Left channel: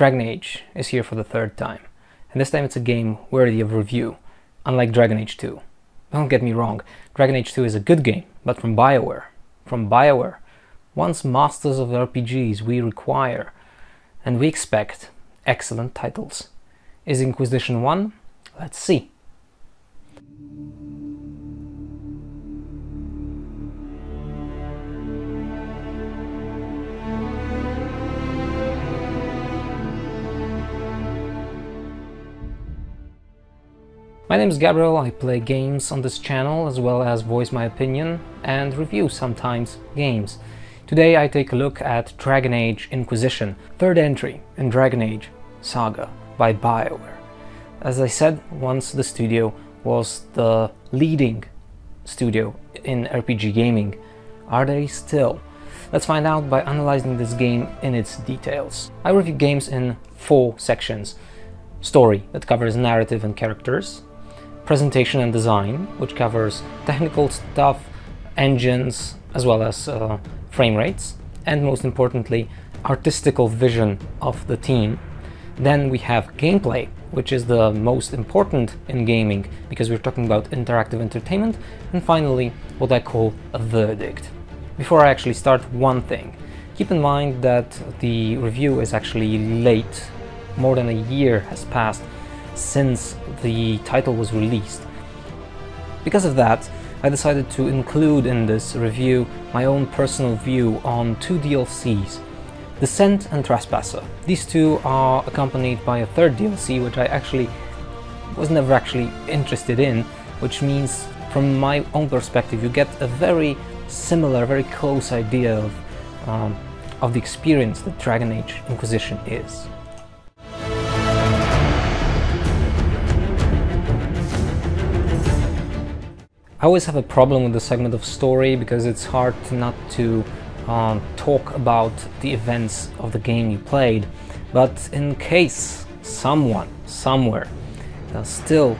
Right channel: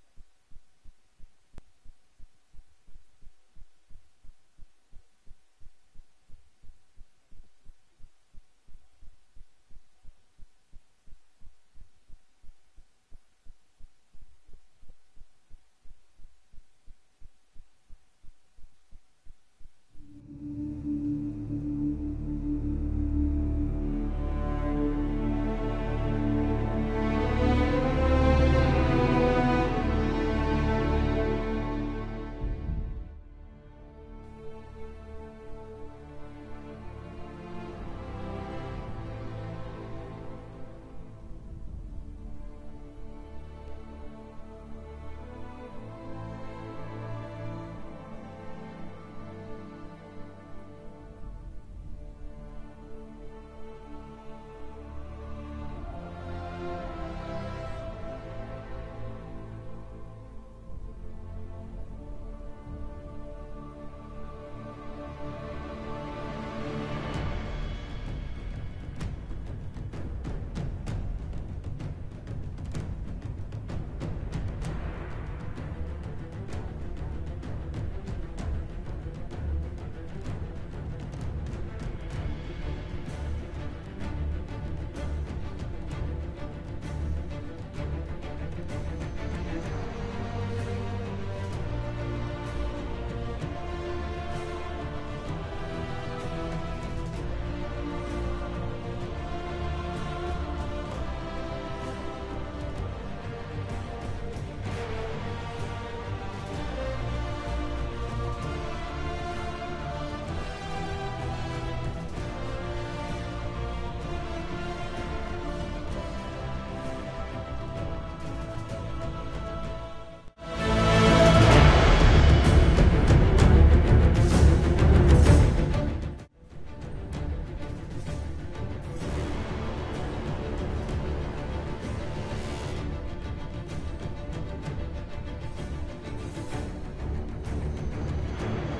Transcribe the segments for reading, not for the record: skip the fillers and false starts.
Dragon Age is here for the third time, and this time it's a game worthy of review, unlike Dragon Age 2. Don't get me wrong, Dragon Age 2 is a good game, but from BioWare. From BioWare, once masters of RPGs, we require and we expect excellent titles. Is Inquisition one? Let's see. My name is Gabriel, I play games on this channel as well as voice my opinion and review sometimes games. Today I take a look at Dragon Age Inquisition, third entry in Dragon Age Saga by BioWare. As I said, once the studio was the leading studio in RPG gaming. Are they still? Let's find out by analyzing this game in its details. I review games in 4 sections. Story, that covers narrative and characters. Presentation and design, which covers technical stuff, engines, as well as frame rates, and most importantly, artistical vision of the team. Then we have gameplay, which is the most important in gaming because we're talking about interactive entertainment. And finally, what I call a verdict. Before I actually start, one thing. Keep in mind that the review is actually late. More than a year has passed since the title was released. Because of that, I decided to include in this review my own personal view on 2 DLCs, Descent and Trespasser. These 2 are accompanied by a 3rd DLC, which I actually was never actually interested in, which means from my own perspective you get a very similar, very close idea of the experience that Dragon Age Inquisition is. I always have a problem with the segment of story because it's hard not to talk about the events of the game you played, but in case someone somewhere still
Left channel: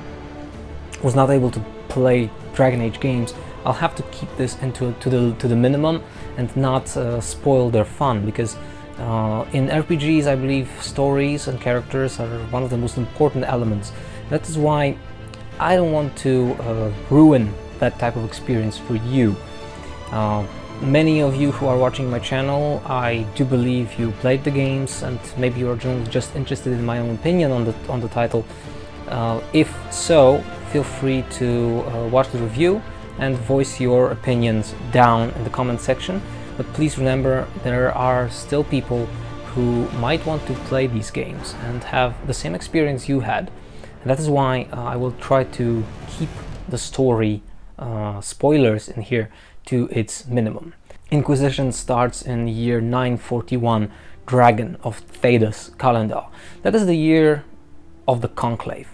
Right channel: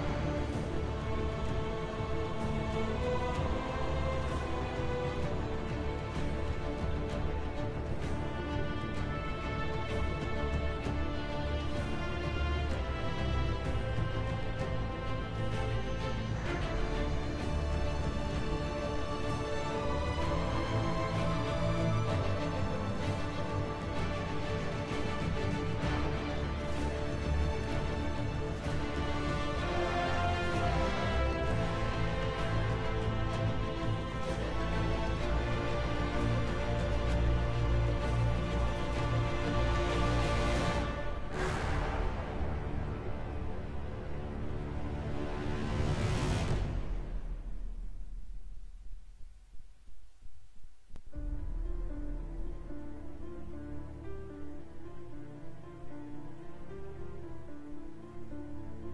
was not able to play Dragon Age games, I'll have to keep this to the minimum and not spoil their fun, because in RPGs I believe stories and characters are one of the most important elements. That is why I don't want to ruin that type of experience for you. Many of you who are watching my channel, I do believe you played the games and maybe you're just interested in my own opinion on the title. If so, feel free to watch the review and voice your opinions down in the comment section. But please remember, there are still people who might want to play these games and have the same experience you had. And that is why I will try to keep the story spoilers in here to its minimum. Inquisition starts in year 941, Dragon of Thedas calendar. That is the year of the Conclave.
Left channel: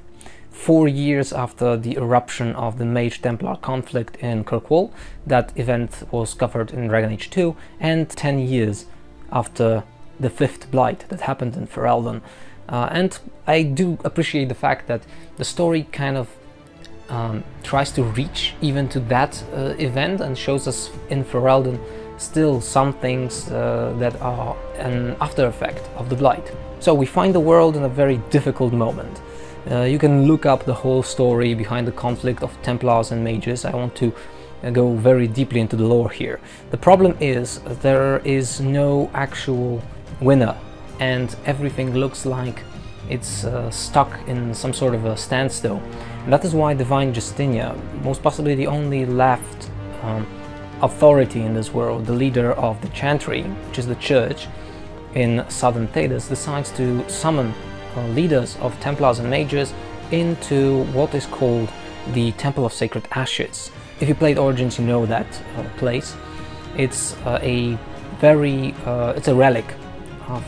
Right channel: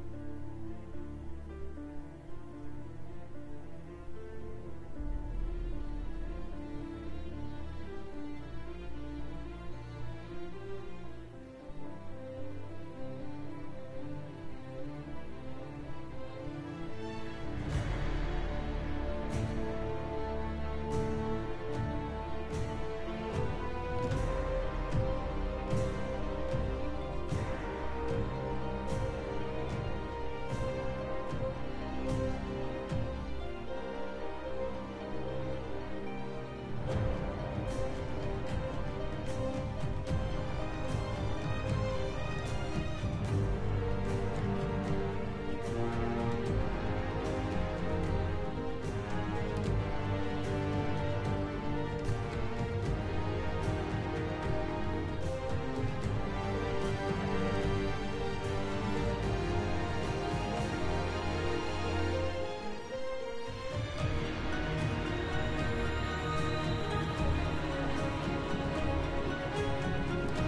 4 years after the eruption of the Mage-Templar conflict in Kirkwall, that event was covered in Dragon Age 2, and 10 years after the 5th Blight that happened in Ferelden. And I do appreciate the fact that the story kind of tries to reach even to that event and shows us in Ferelden still some things that are an after effect of the Blight. So we find the world in a very difficult moment. You can look up the whole story behind the conflict of Templars and Mages. I want to go very deeply into the lore here. The problem is there is no actual winner and everything looks like it's stuck in some sort of a standstill. And that is why Divine Justinia, most possibly the only left authority in this world, the leader of the Chantry, which is the church in southern Thedas, decides to summon leaders of Templars and Mages into what is called the Temple of Sacred Ashes. If you played Origins, you know that place. It's it's a relic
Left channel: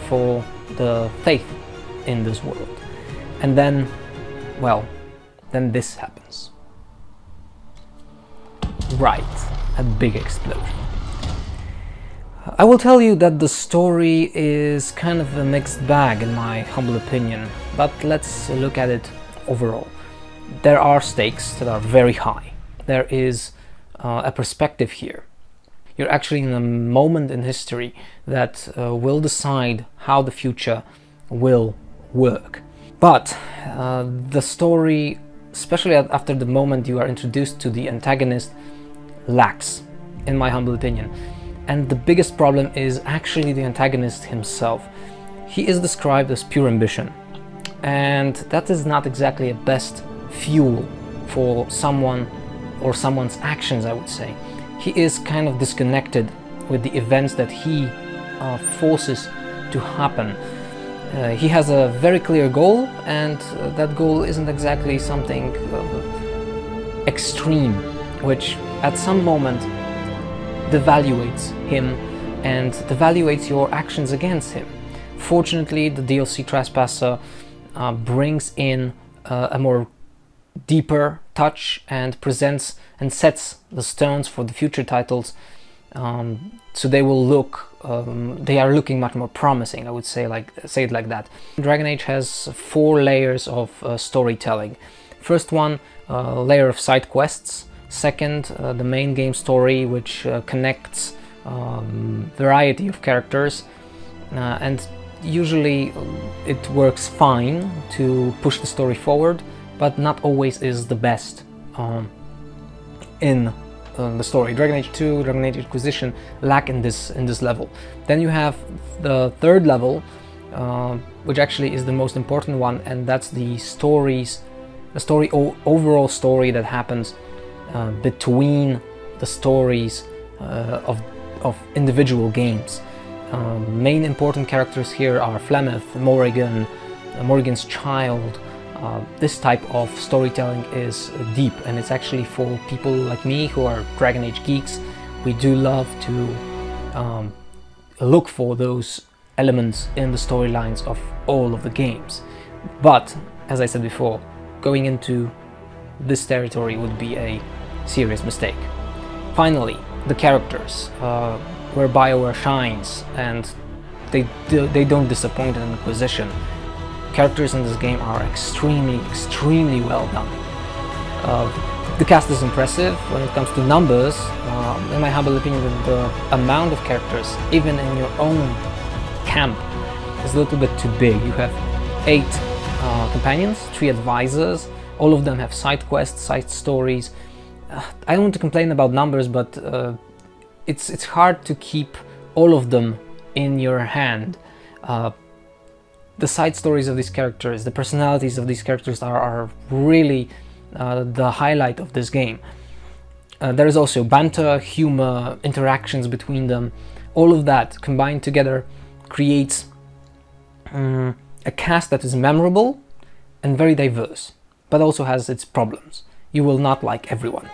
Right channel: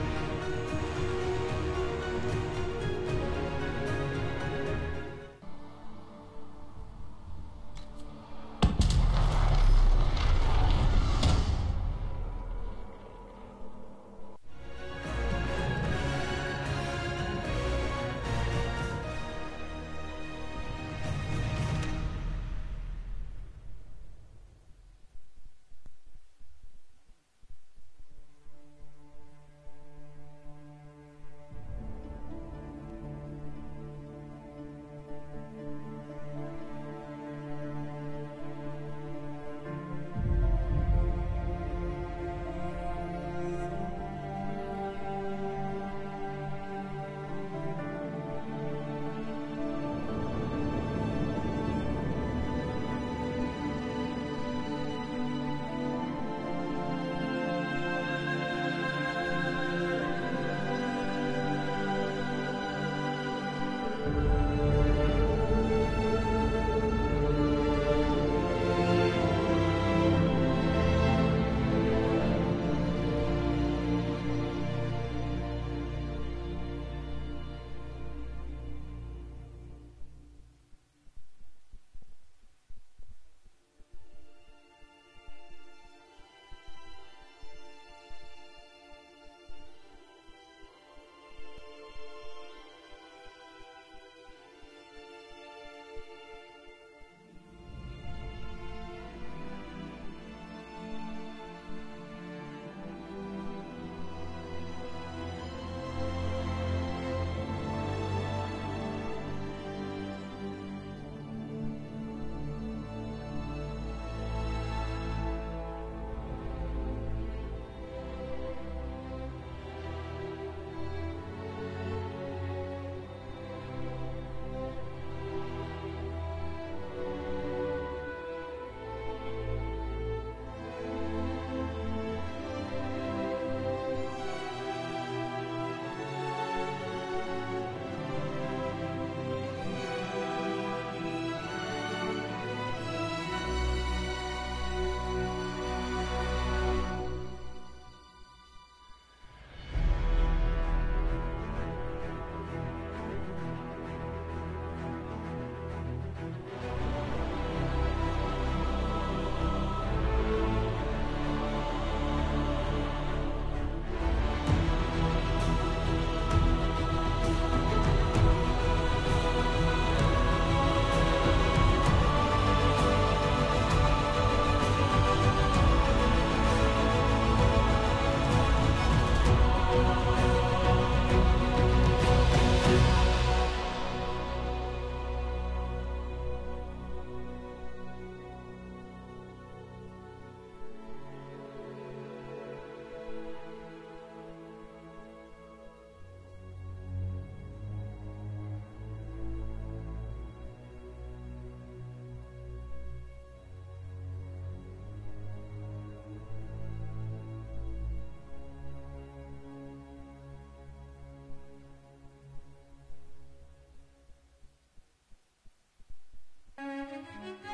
for the faith in this world. And then, well, then this happens. Right, a big explosion. I will tell you that the story is kind of a mixed bag in my humble opinion, but let's look at it overall. There are stakes that are very high. There is a perspective here. You're actually in a moment in history that will decide how the future will work. But the story, especially after the moment you are introduced to the antagonist, lacks, in my humble opinion. And the biggest problem is actually the antagonist himself. He is described as pure ambition, and that is not exactly a best fuel for someone or someone's actions, I would say. He is kind of disconnected with the events that he forces to happen. He has a very clear goal, and that goal isn't exactly something extreme, which at some moment devaluates him and devaluates your actions against him. Fortunately, the DLC Trespasser brings in a more deeper touch and presents and sets the stones for the future titles, so they will look they are looking much more promising, I would say it like that. Dragon Age has 4 layers of storytelling. First one, layer of side quests. Second, the main game story, which connects variety of characters, and usually it works fine to push the story forward, but not always is the best in the story. Dragon Age 2, Dragon Age Inquisition lack in this level. Then you have the third level, which actually is the most important one, and that's the overall story that happens between the stories of individual games. Main important characters here are Flemeth, Morrigan, Morrigan's child. This type of storytelling is deep, and it's actually for people like me who are Dragon Age geeks. We do love to look for those elements in the storylines of all of the games. But, as I said before, going into this territory would be a serious mistake. Finally, the characters, where BioWare shines, and they don't disappoint in Inquisition. Characters in this game are extremely well done. The cast is impressive when it comes to numbers. In my humble opinion, the amount of characters, even in your own camp, is a little bit too big. You have 8 companions, 3 advisors. All of them have side quests, side stories. I don't want to complain about numbers, but it's hard to keep all of them in your hand. The side stories of these characters, the personalities of these characters are really the highlight of this game. There is also banter, humor, interactions between them. All of that combined together creates a cast that is memorable and very diverse, but also has its problems. You will not like everyone.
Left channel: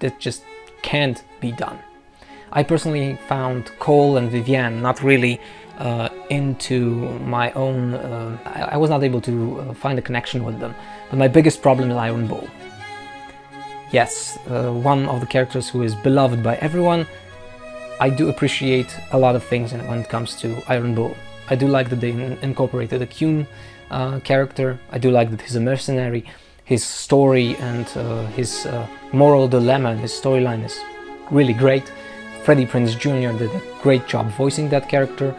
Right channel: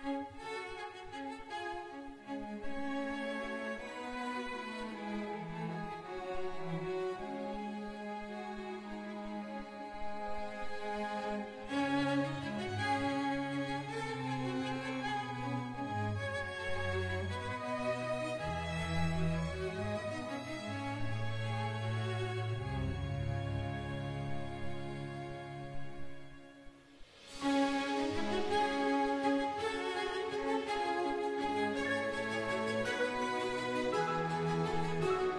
That just can't be done. I personally found Cole and Vivienne not really into my own... I was not able to find a connection with them. But my biggest problem is Iron Bull. Yes, one of the characters who is beloved by everyone. I do appreciate a lot of things when it comes to Iron Bull. I do like that they incorporated a Kuhn character. I do like that he's a mercenary. His story and his moral dilemma and his storyline is really great. Freddie Prinze Jr. did a great job voicing that character,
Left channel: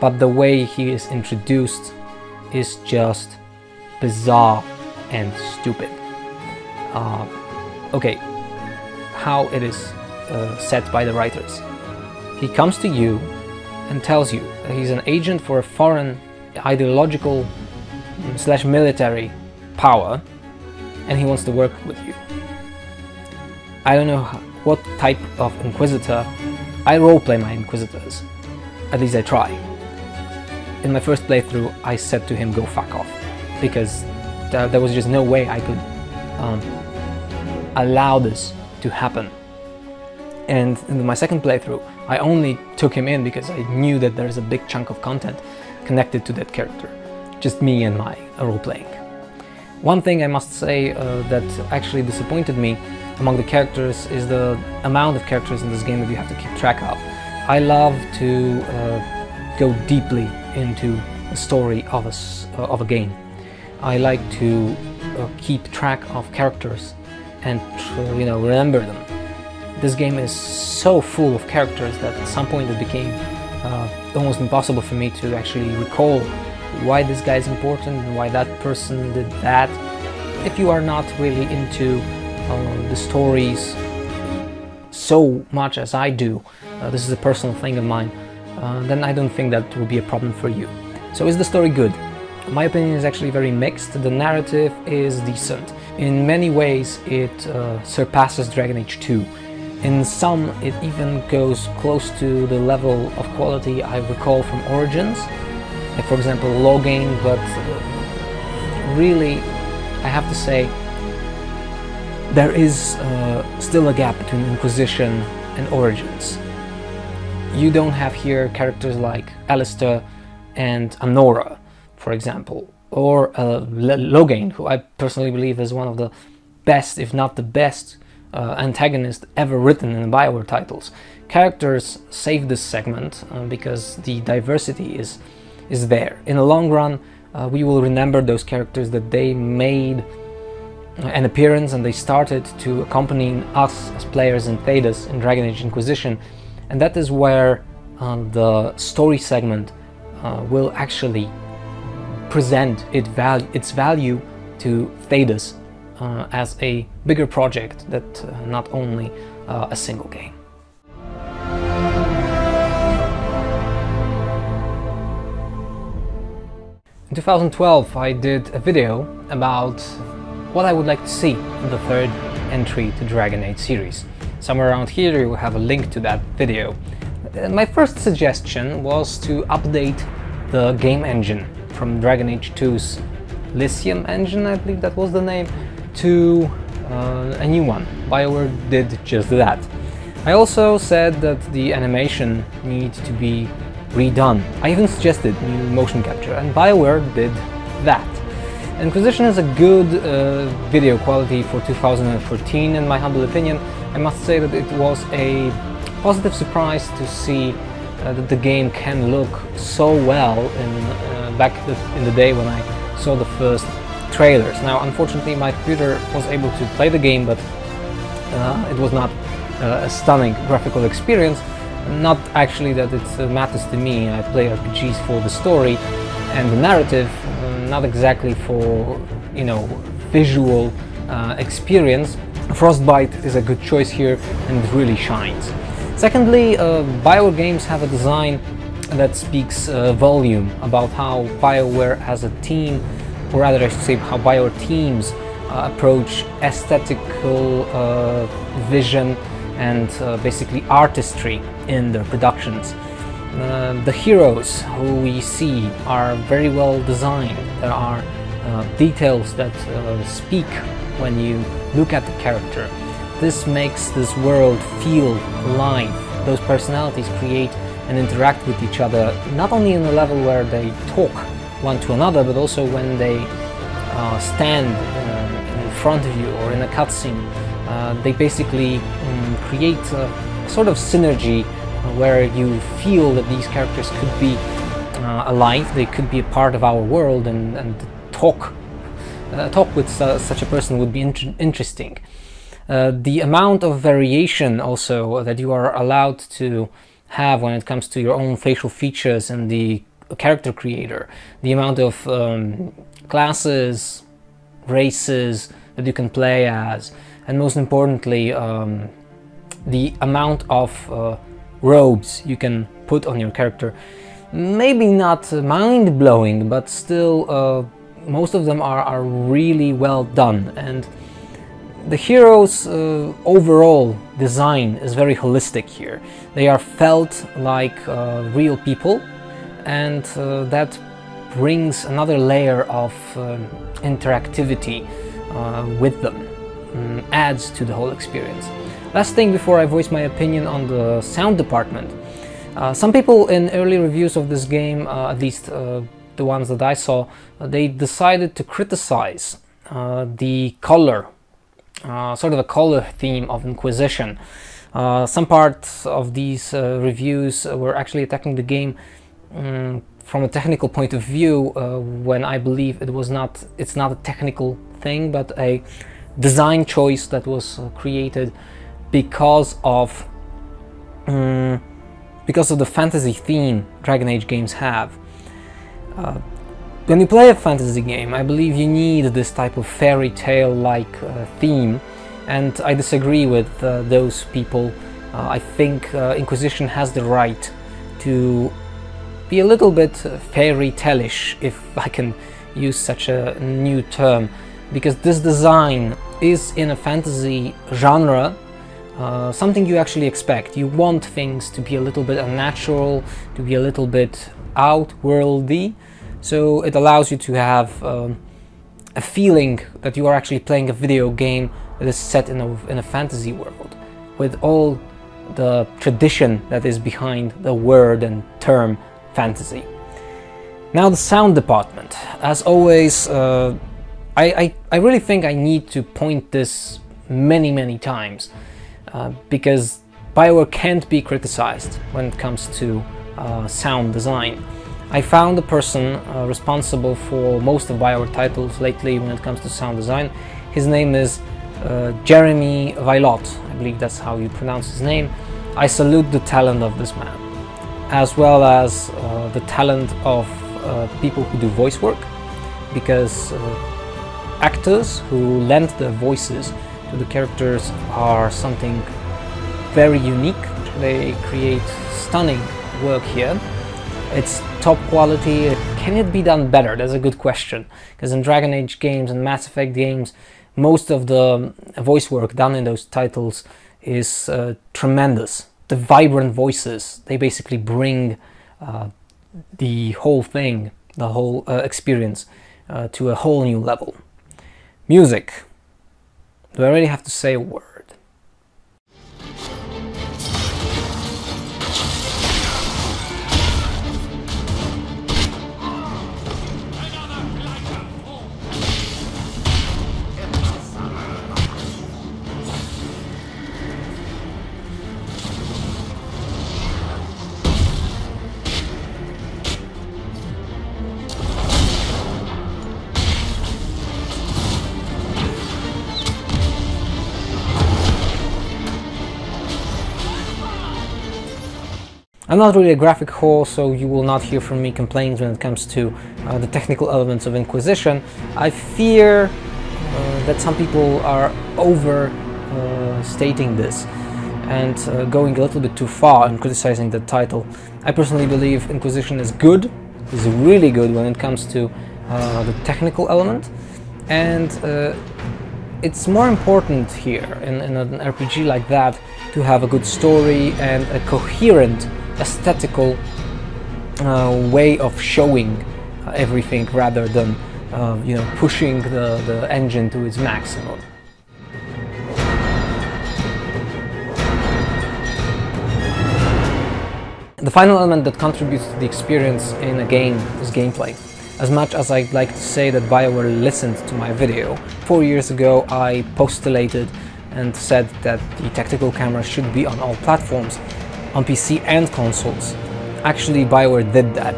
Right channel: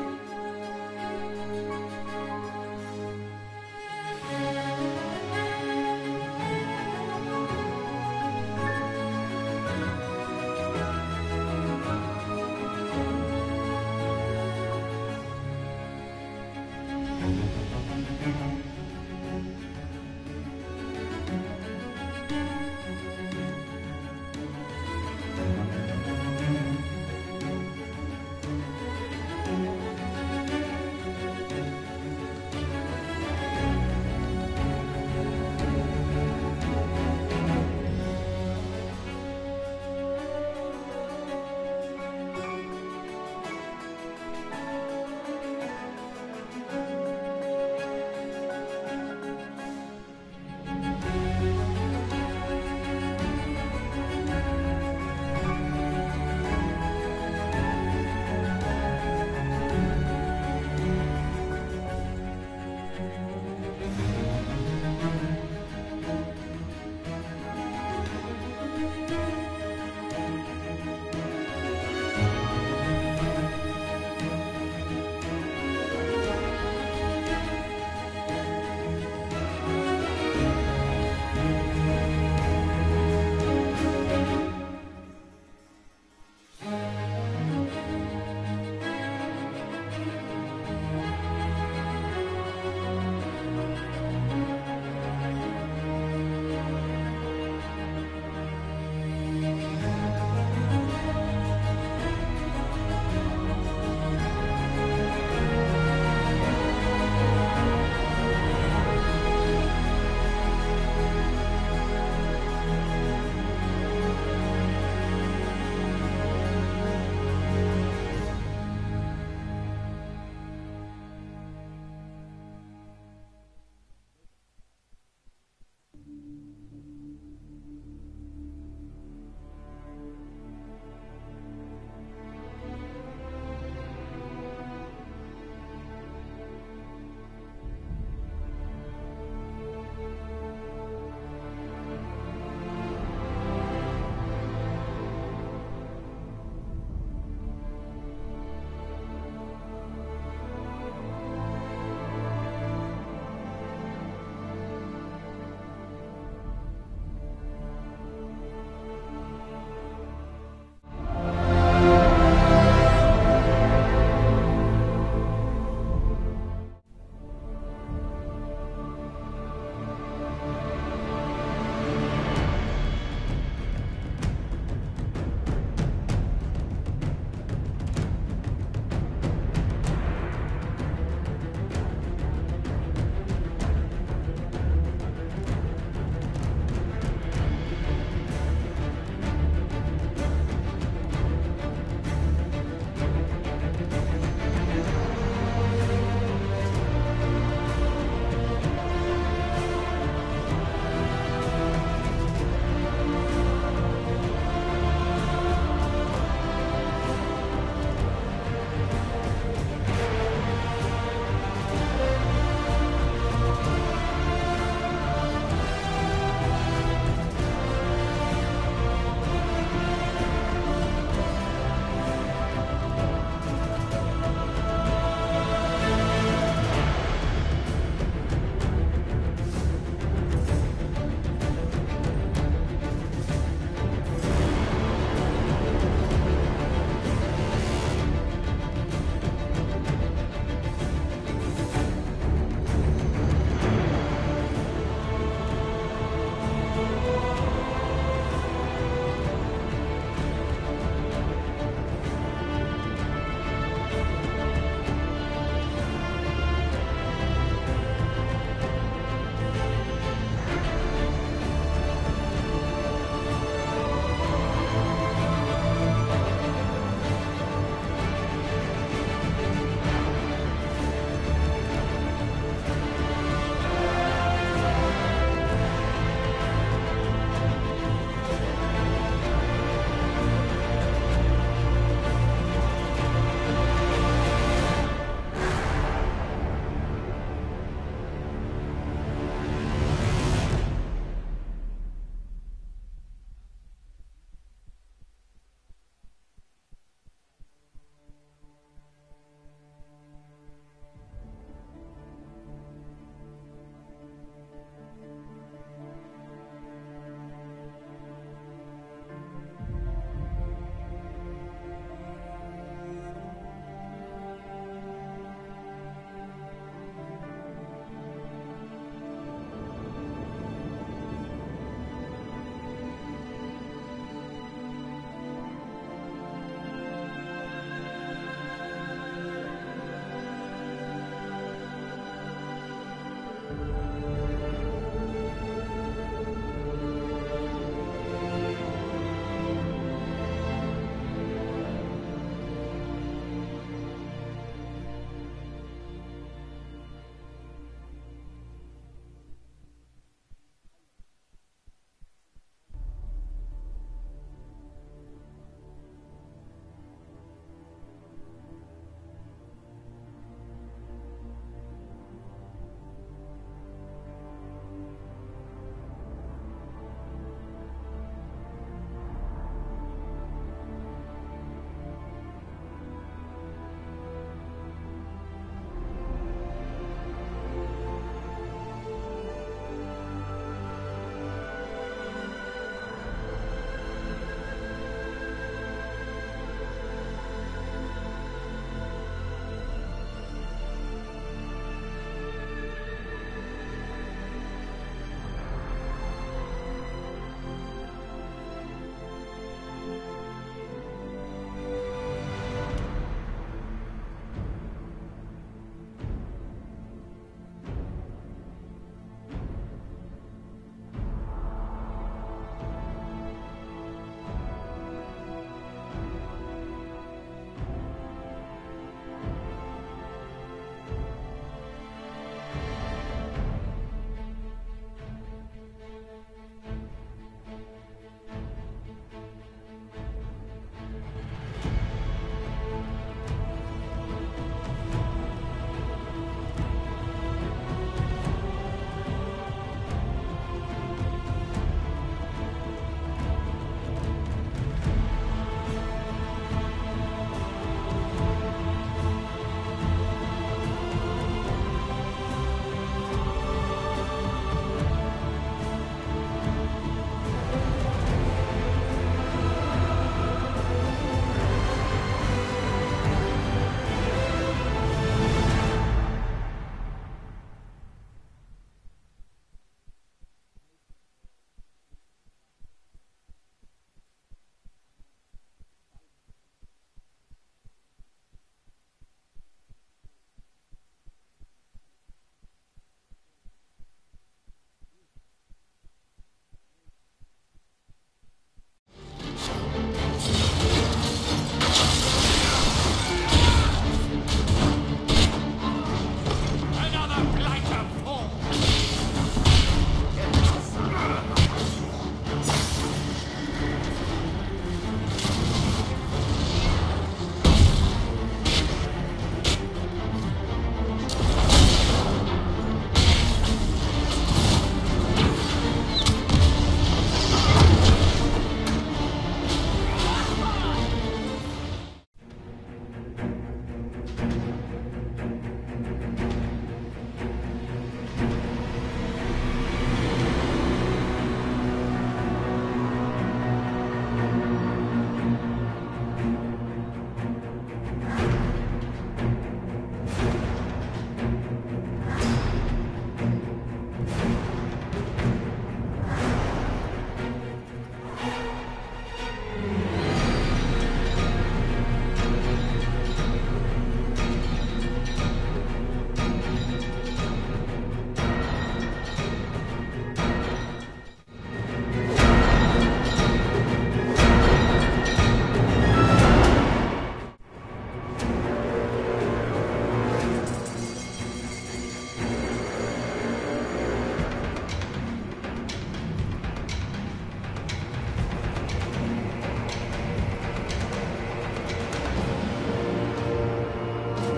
but the way he is introduced is just bizarre and stupid. Okay, how it is set by the writers. He comes to you and tells you that he's an agent for a foreign ideological / military power, and he wants to work with you. I don't know what type of Inquisitor. I roleplay my Inquisitors. At least I try. In my first playthrough, I said to him, go fuck off, because there was just no way I could allow this to happen. And in my second playthrough, I only took him in because I knew that there's a big chunk of content connected to that character. Just me and my role-playing. One thing I must say that actually disappointed me among the characters is the amount of characters in this game that you have to keep track of. I love to go deeply into the story of a game. I like to keep track of characters and remember them. This game is so full of characters that at some point it became almost impossible for me to actually recall why this guy is important and why that person did that. If you are not really into the stories so much as I do, this is a personal thing of mine, then I don't think that will be a problem for you. So is the story good? My opinion is actually very mixed. The narrative is decent. In many ways it surpasses Dragon Age 2. In some it even goes close to the level of quality I recall from Origins, like for example Loghain, but really I have to say there is still a gap between Inquisition and Origins. You don't have here characters like Alistair and Anora, for example, or Loghain, who I personally believe is one of the best, if not the best, antagonist ever written in BioWare titles. Characters save this segment because the diversity is there. In the long run, we will remember those characters that they made an appearance and they started to accompany us as players in Thedas in Dragon Age Inquisition, and that is where the story segment will actually present its value to Thedas as a bigger project that not only a single game. In 2012 I did a video about what I would like to see in the third entry to Dragon Age series. Somewhere around here you will have a link to that video. My first suggestion was to update the game engine from Dragon Age 2's Lysium engine, I believe that was the name, to a new one. BioWare did just that. I also said that the animation needs to be redone. I even suggested new motion capture, and BioWare did that. Inquisition is a good video quality for 2014 in my humble opinion. I must say that it was a positive surprise to see that the game can look so well back in the day when I saw the first trailers. Now unfortunately my computer was able to play the game, but it was not a stunning graphical experience. Not actually that it matters to me. I play RPGs for the story and the narrative, not exactly for, you know, visual experience. Frostbite is a good choice here and it really shines. Secondly, BioWare games have a design that speaks volume about how BioWare as a team, or rather I should say how BioWare teams approach aesthetical vision and basically artistry in their productions. The heroes who we see are very well designed. There are details that speak when you look at the character. This makes this world feel alive. Those personalities create and interact with each other, not only in a level where they talk one to another, but also when they stand in front of you or in a cutscene. They basically create a sort of synergy where you feel that these characters could be alive, they could be a part of our world, and talk with such a person would be interesting. The amount of variation also that you are allowed to have when it comes to your own facial features and the character creator, the amount of classes, races that you can play as, and most importantly the amount of robes you can put on your character. Maybe not mind-blowing, but still most of them are really well done, and the heroes' overall design is very holistic here. They are felt like real people, and that brings another layer of interactivity with them, adds to the whole experience. Last thing before I voice my opinion on the sound department. Some people in early reviews of this game, at least the ones that I saw, they decided to criticize the color, sort of a color theme of Inquisition. Some parts of these reviews were actually attacking the game from a technical point of view, when I believe it's not a technical thing, but a design choice that was created because of the fantasy theme Dragon Age games have. When you play a fantasy game, I believe you need this type of fairy tale-like theme, and I disagree with those people. I think Inquisition has the right to be a little bit fairy tale-ish, if I can use such a new term, because this design is in a fantasy genre something you actually expect. You want things to be a little bit unnatural, to be a little bit outworldly, so it allows you to have a feeling that you are actually playing a video game that is set in a fantasy world, with all the tradition that is behind the word and term fantasy. Now the sound department. As always, I really think I need to point this many times, because BioWare can't be criticized when it comes to sound design. I found the person responsible for most of BioWare titles lately when it comes to sound design. His name is Jeremy Vailot, I believe that's how you pronounce his name. I salute the talent of this man, as well as the talent of people who do voice work, because actors who lend their voices to the characters are something very unique. They create stunning work here. It's top quality. Can it be done better? That's a good question, because in Dragon Age games and Mass Effect games, most of the voice work done in those titles is tremendous. The vibrant voices, they basically bring the whole thing, the whole experience to a whole new level. Music. Do I really have to say a word? I'm not really a graphic whore, so you will not hear from me complaints when it comes to the technical elements of Inquisition. I fear that some people are overstating this and going a little bit too far in criticizing the title. I personally believe Inquisition is good, is really good when it comes to the technical element, and it's more important here in an RPG like that to have a good story and a coherent aesthetical way of showing everything, rather than you know, pushing the engine to its maximum. The final element that contributes to the experience in a game is gameplay. As much as I'd like to say that BioWare listened to my video, 4 years ago I postulated and said that the tactical camera should be on all platforms, on PC and consoles. Actually, BioWare did that.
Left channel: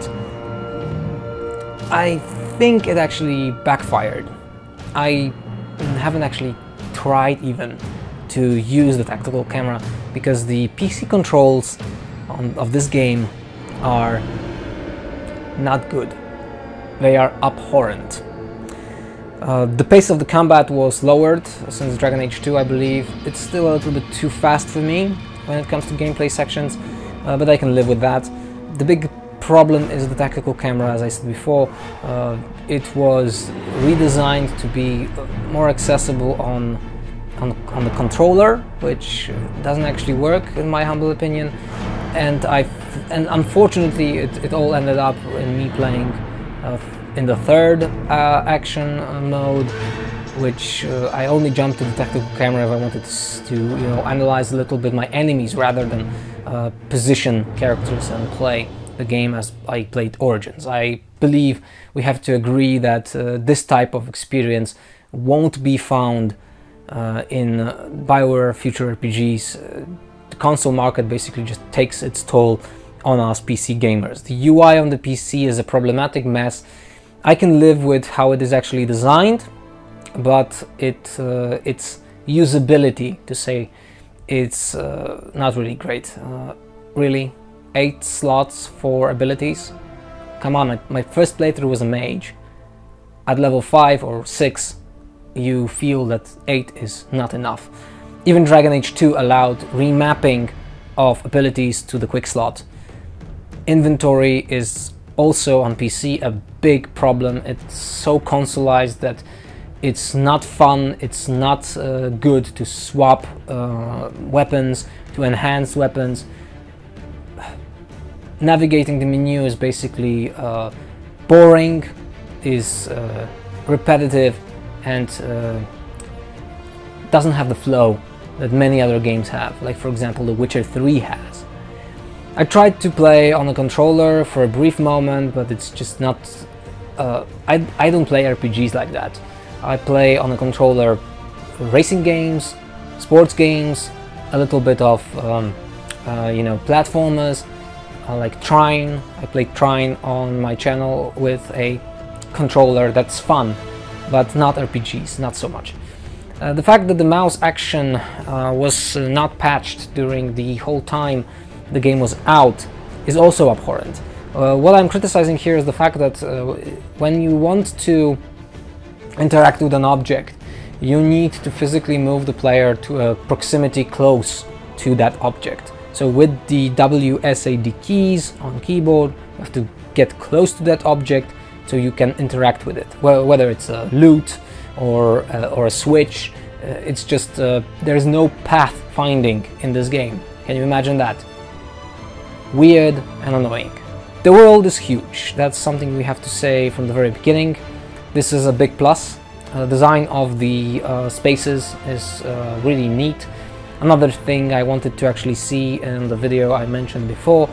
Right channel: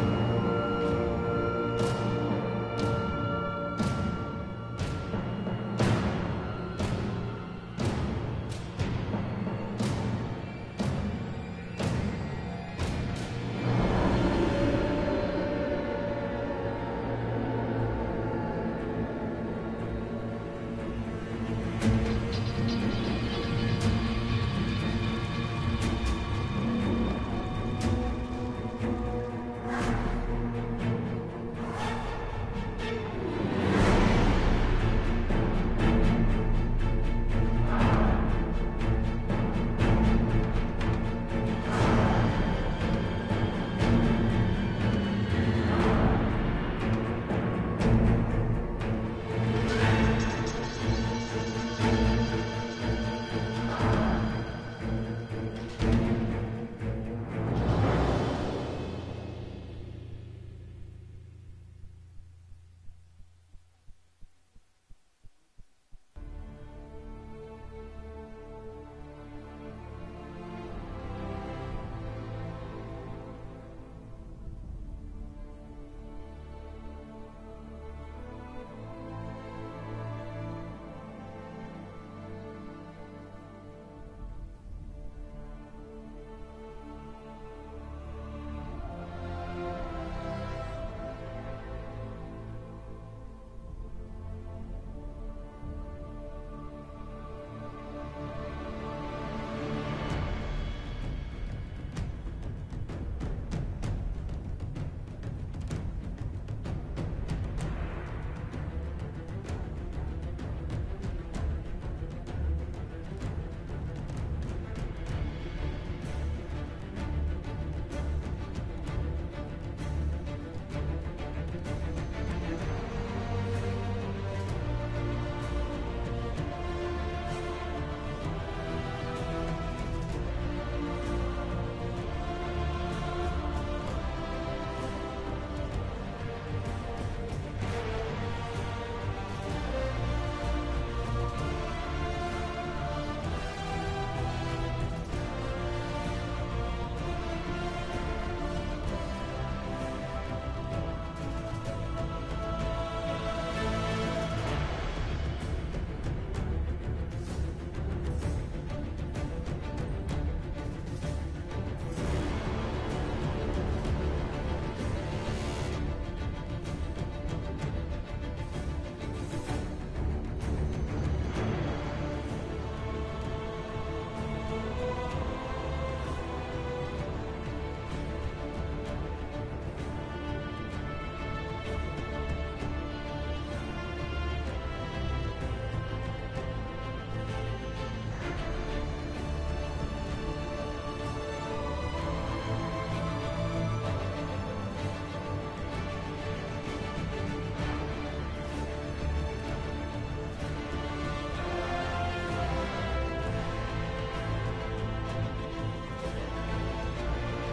I think it actually backfired. I haven't actually tried even to use the tactical camera, because the PC controls of this game are not good. They are abhorrent. The pace of the combat was lowered since Dragon Age 2, I believe. It's still a little bit too fast for me when it comes to gameplay sections, but I can live with that. The big problem is the tactical camera, as I said before. It was redesigned to be more accessible on the controller, which doesn't actually work in my humble opinion, and unfortunately it all ended up in me playing in the third action mode, which I only jumped to the tactical camera if I wanted to you know, analyze a little bit my enemies rather than position characters and play the game as I played Origins. I believe we have to agree that this type of experience won't be found in BioWare future RPGs. The console market basically just takes its toll on us PC gamers. The UI on the PC is a problematic mess. I can live with how it is actually designed, but its usability, to say, it's not really great. Really, 8 slots for abilities? come on, my first playthrough was a mage. At level 5 or 6, you feel that 8 is not enough. Even Dragon Age 2 allowed remapping of abilities to the quick slot. Inventory is also on PC a big problem. It's so consoleized that it's not fun, it's not good to swap weapons, to enhance weapons. Navigating the menu is basically boring, is repetitive, and doesn't have the flow that many other games have, like for example The Witcher 3 has. I tried to play on a controller for a brief moment, but it's just not... I don't play RPGs like that. I play on a controller for racing games, sports games, a little bit of you know, platformers. I like Trine. I play Trine on my channel with a controller. That's fun, but not RPGs, not so much. The fact that the mouse action was not patched during the whole time the game was out is also abhorrent. What I'm criticizing here is the fact that when you want to interact with an object, you need to physically move the player to a proximity close to that object. So with the WSAD keys on keyboard, you have to get close to that object so you can interact with it. Well, whether it's a loot or a switch, it's just there's no path finding in this game. Can you imagine that? Weird and annoying. The world is huge. That's something we have to say from the very beginning. This is a big plus. The design of the spaces is really neat. Another thing I wanted to actually see in the video I mentioned before,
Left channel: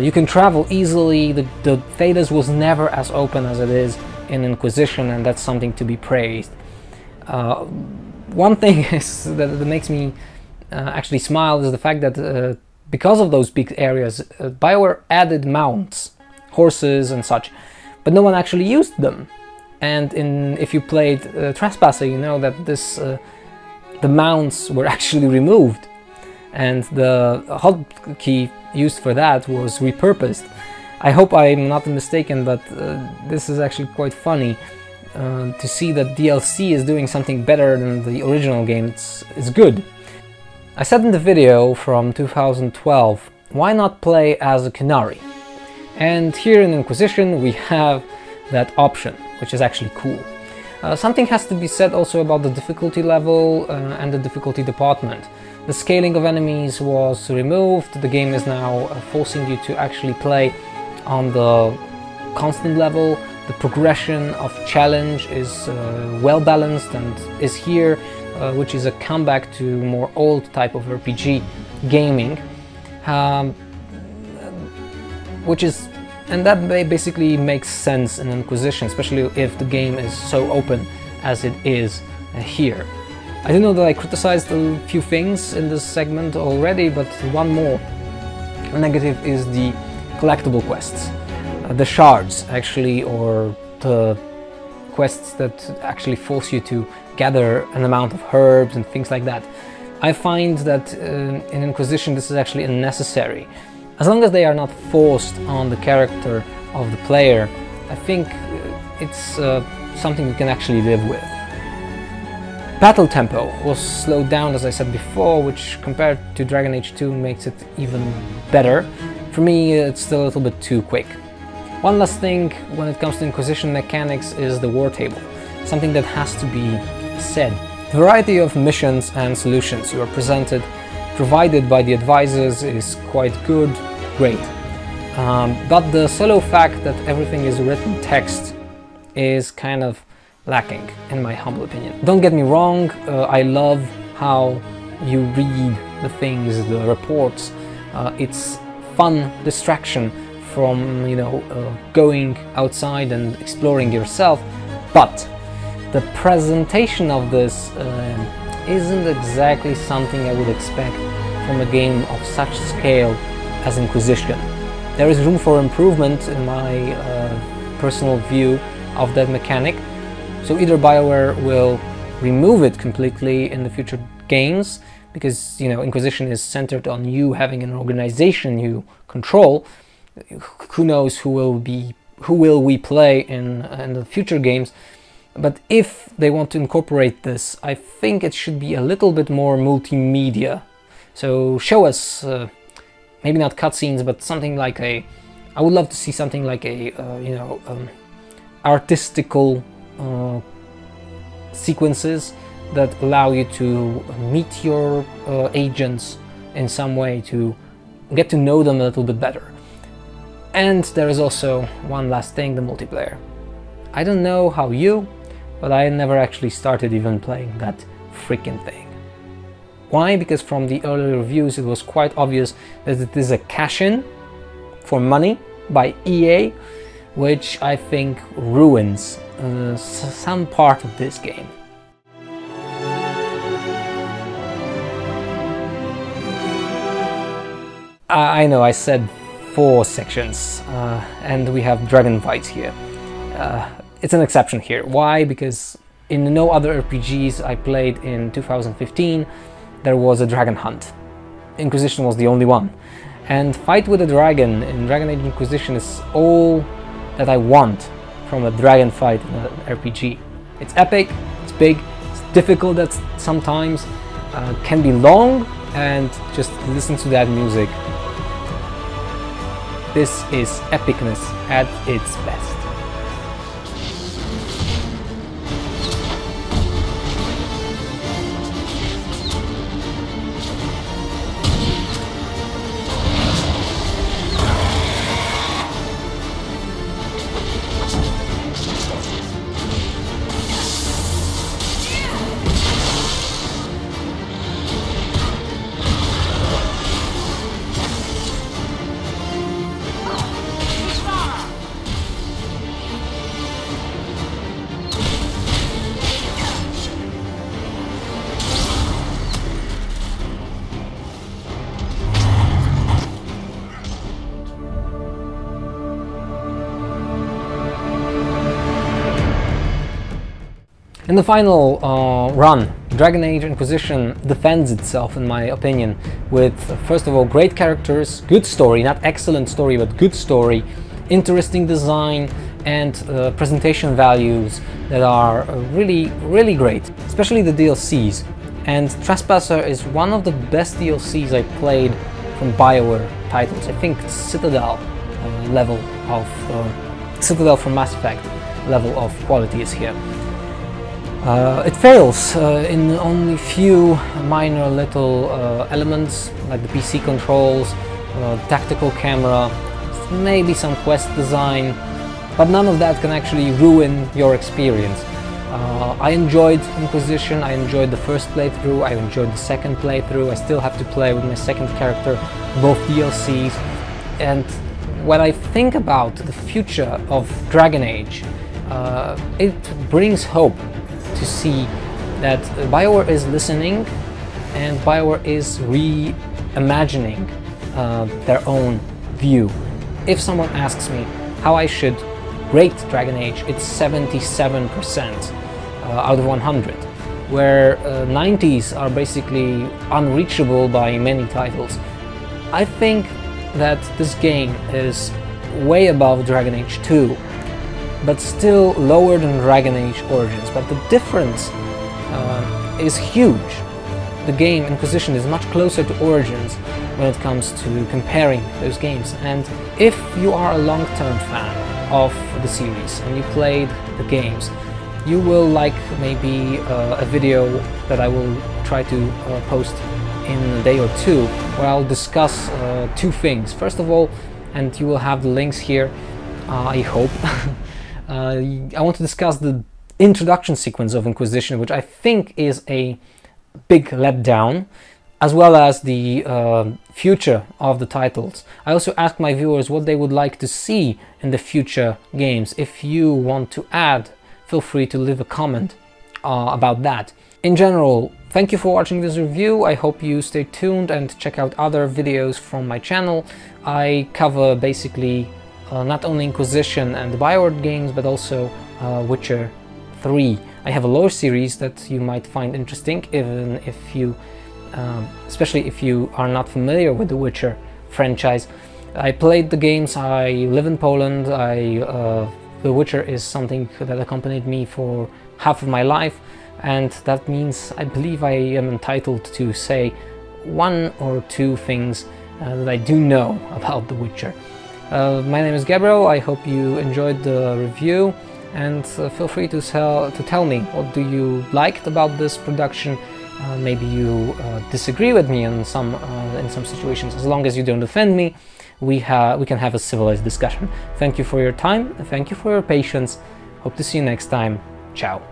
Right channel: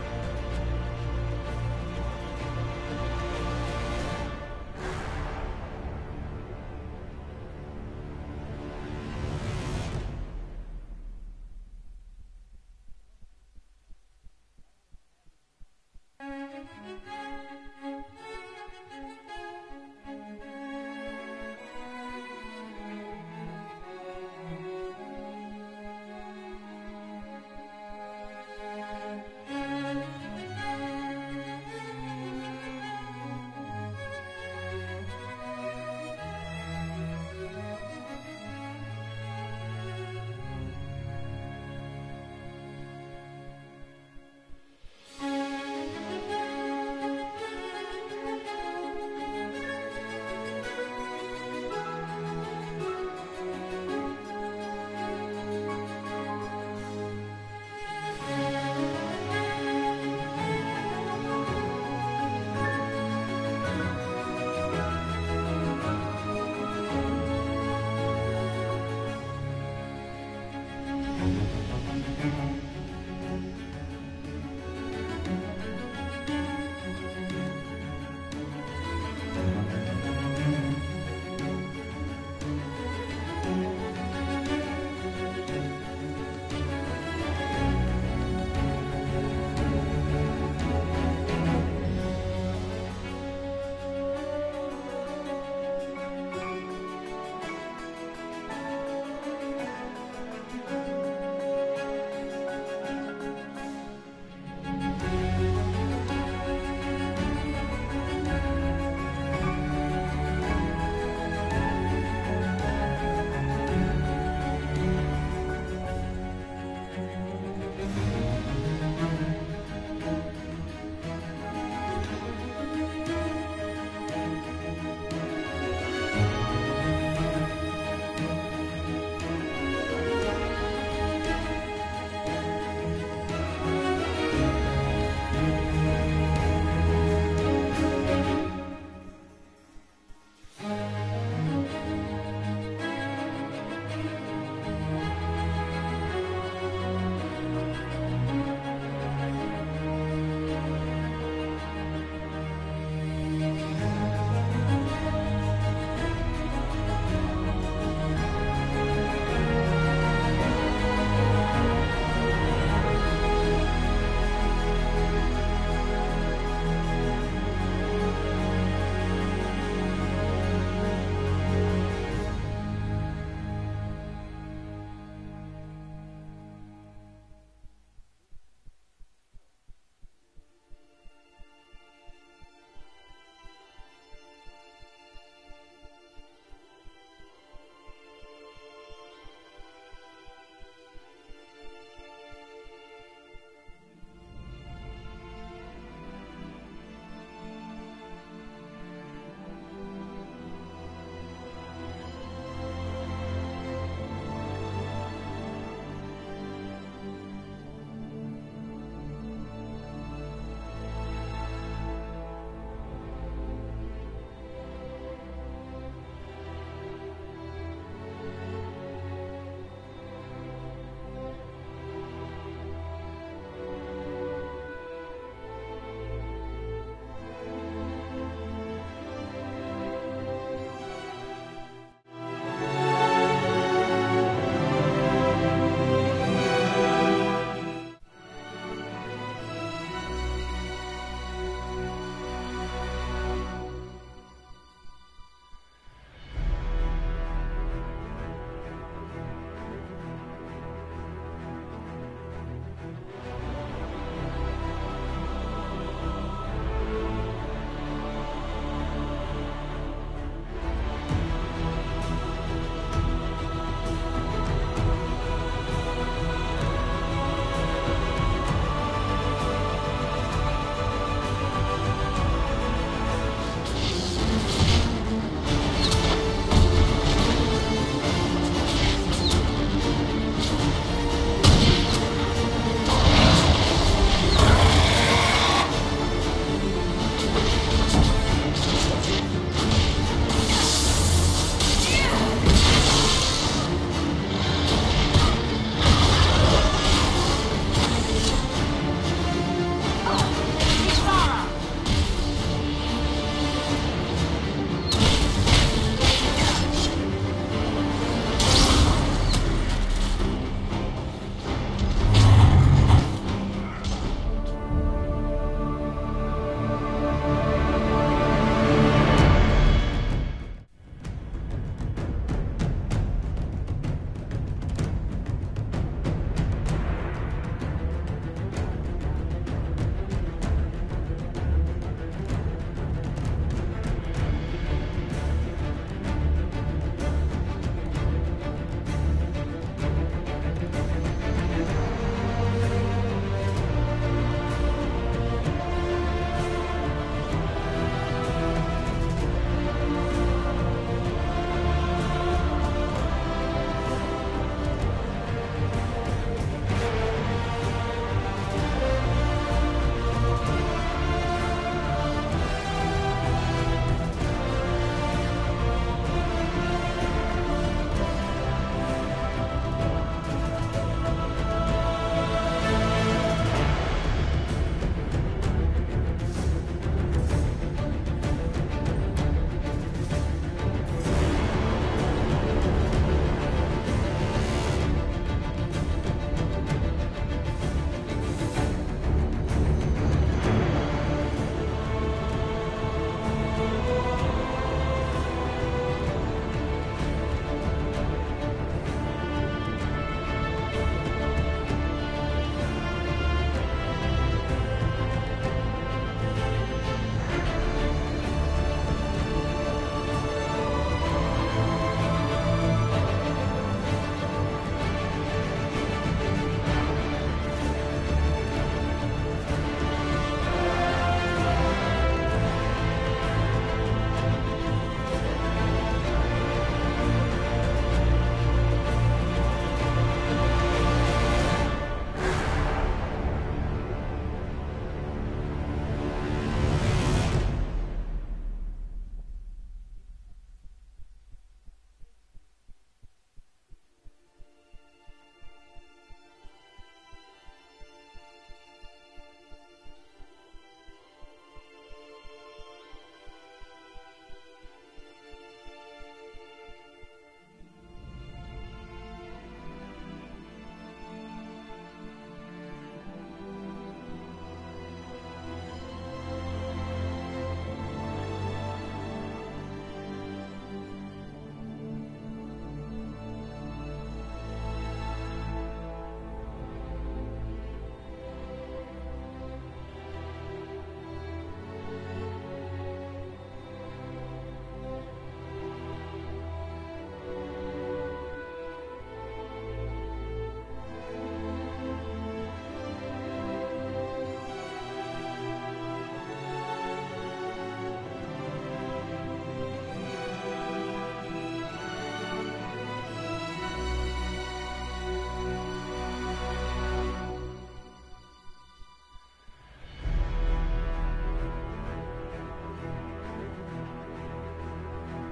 you can travel easily. The Thedas was never as open as it is in Inquisition, and that's something to be praised. One thing is that makes me actually smile is the fact that because of those big areas, BioWare added mounts, horses and such, but no one actually used them. And if you played Trespasser, you know that the mounts were actually removed, and the hotkey used for that was repurposed. I hope I'm not mistaken, but this is actually quite funny to see that DLC is doing something better than the original game. It's good. I said in the video from 2012, why not play as a Qunari? And here in Inquisition we have that option, which is actually cool. Something has to be said also about the difficulty level and the difficulty department. The scaling of enemies was removed. The game is now forcing you to actually play on the constant level. The progression of challenge is well balanced and is here, which is a comeback to more old type of RPG gaming, and that basically makes sense in Inquisition, especially if the game is so open as it is here. I do know that I criticized a few things in this segment already, but one more negative is the collectible quests. The shards, actually, or the quests that actually force you to gather an amount of herbs and things like that. I find that in Inquisition this is actually unnecessary. As long as they are not forced on the character of the player, I think it's something you can actually live with. Battle tempo was slowed down, as I said before, which compared to Dragon Age 2 makes it even better. For me, it's still a little bit too quick. One last thing when it comes to Inquisition mechanics is the war table, something that has to be said. The variety of missions and solutions you are provided by the advisors is quite good, great. But the solo fact that everything is written text is kind of lacking, in my humble opinion. Don't get me wrong, I love how you read the things, the reports. It's fun distraction from, you know, going outside and exploring yourself, but the presentation of this isn't exactly something I would expect from a game of such scale as Inquisition. There is room for improvement in my personal view of that mechanic. So either BioWare will remove it completely in the future games, because, you know, Inquisition is centered on you having an organization you control. Who knows who will be who will we play in the future games. But if they want to incorporate this, I think it should be a little bit more multimedia. So show us, maybe not cutscenes, but something like I would love to see something like a, artistical sequences that allow you to meet your agents in some way, to get to know them a little bit better. And there is also one last thing, the multiplayer. I don't know how you, but I never actually started even playing that freaking thing. Why? Because from the early reviews it was quite obvious that it is a cash-in for money by EA, which I think ruins some part of this game. I know I said 4 sections, and we have dragon fights here. It's an exception here. Why? Because in no other RPGs I played in 2015 there was a dragon hunt. Inquisition was the only one. And fight with a dragon in Dragon Age Inquisition is all that I want from a dragon fight in an RPG. It's epic, it's big, it's difficult at sometimes, can be long, and just listen to that music. This is epicness at its best. In the final run, Dragon Age Inquisition defends itself, in my opinion, with, first of all, great characters, good story, not excellent story, but good story, interesting design, and presentation values that are really, really great, especially the DLCs. And Trespasser is one of the best DLCs I played from BioWare titles. I think Citadel level of Citadel from Mass Effect level of quality is here. It fails in only few minor little elements, like the PC controls, tactical camera, maybe some quest design, but none of that can actually ruin your experience. I enjoyed Inquisition, I enjoyed the first playthrough, I enjoyed the second playthrough, I still have to play with my second character, both DLCs, and when I think about the future of Dragon Age, it brings hope to see that BioWare is listening and BioWare is reimagining their own view. If someone asks me how I should rate Dragon Age, it's 77% out of 100, where 90s are basically unreachable by many titles. I think that this game is way above Dragon Age 2, but still lower than Dragon Age Origins. But the difference is huge. The game Inquisition is much closer to Origins when it comes to comparing those games. And if you are a long-term fan of the series and you played the games, you will like maybe a video that I will try to post in a day or two, where I'll discuss 2 things. First of all, and you will have the links here, I hope, I want to discuss the introduction sequence of Inquisition, which I think is a big letdown, as well as the future of the titles. I also asked my viewers what they would like to see in the future games. If you want to add, feel free to leave a comment about that. In general, thank you for watching this review. I hope you stay tuned and check out other videos from my channel. I cover basically not only Inquisition and the BioWare games, but also Witcher 3. I have a lore series that you might find interesting, even if you, especially if you are not familiar with the Witcher franchise. I played the games, I live in Poland, The Witcher is something that accompanied me for half of my life, and that means I believe I am entitled to say one or two things that I do know about The Witcher. My name is Gabriel, I hope you enjoyed the review, and feel free to tell me what do you liked about this production. Maybe you disagree with me in some situations. As long as you don't offend me, we can have a civilized discussion. Thank you for your time, thank you for your patience. Hope to see you next time. Ciao.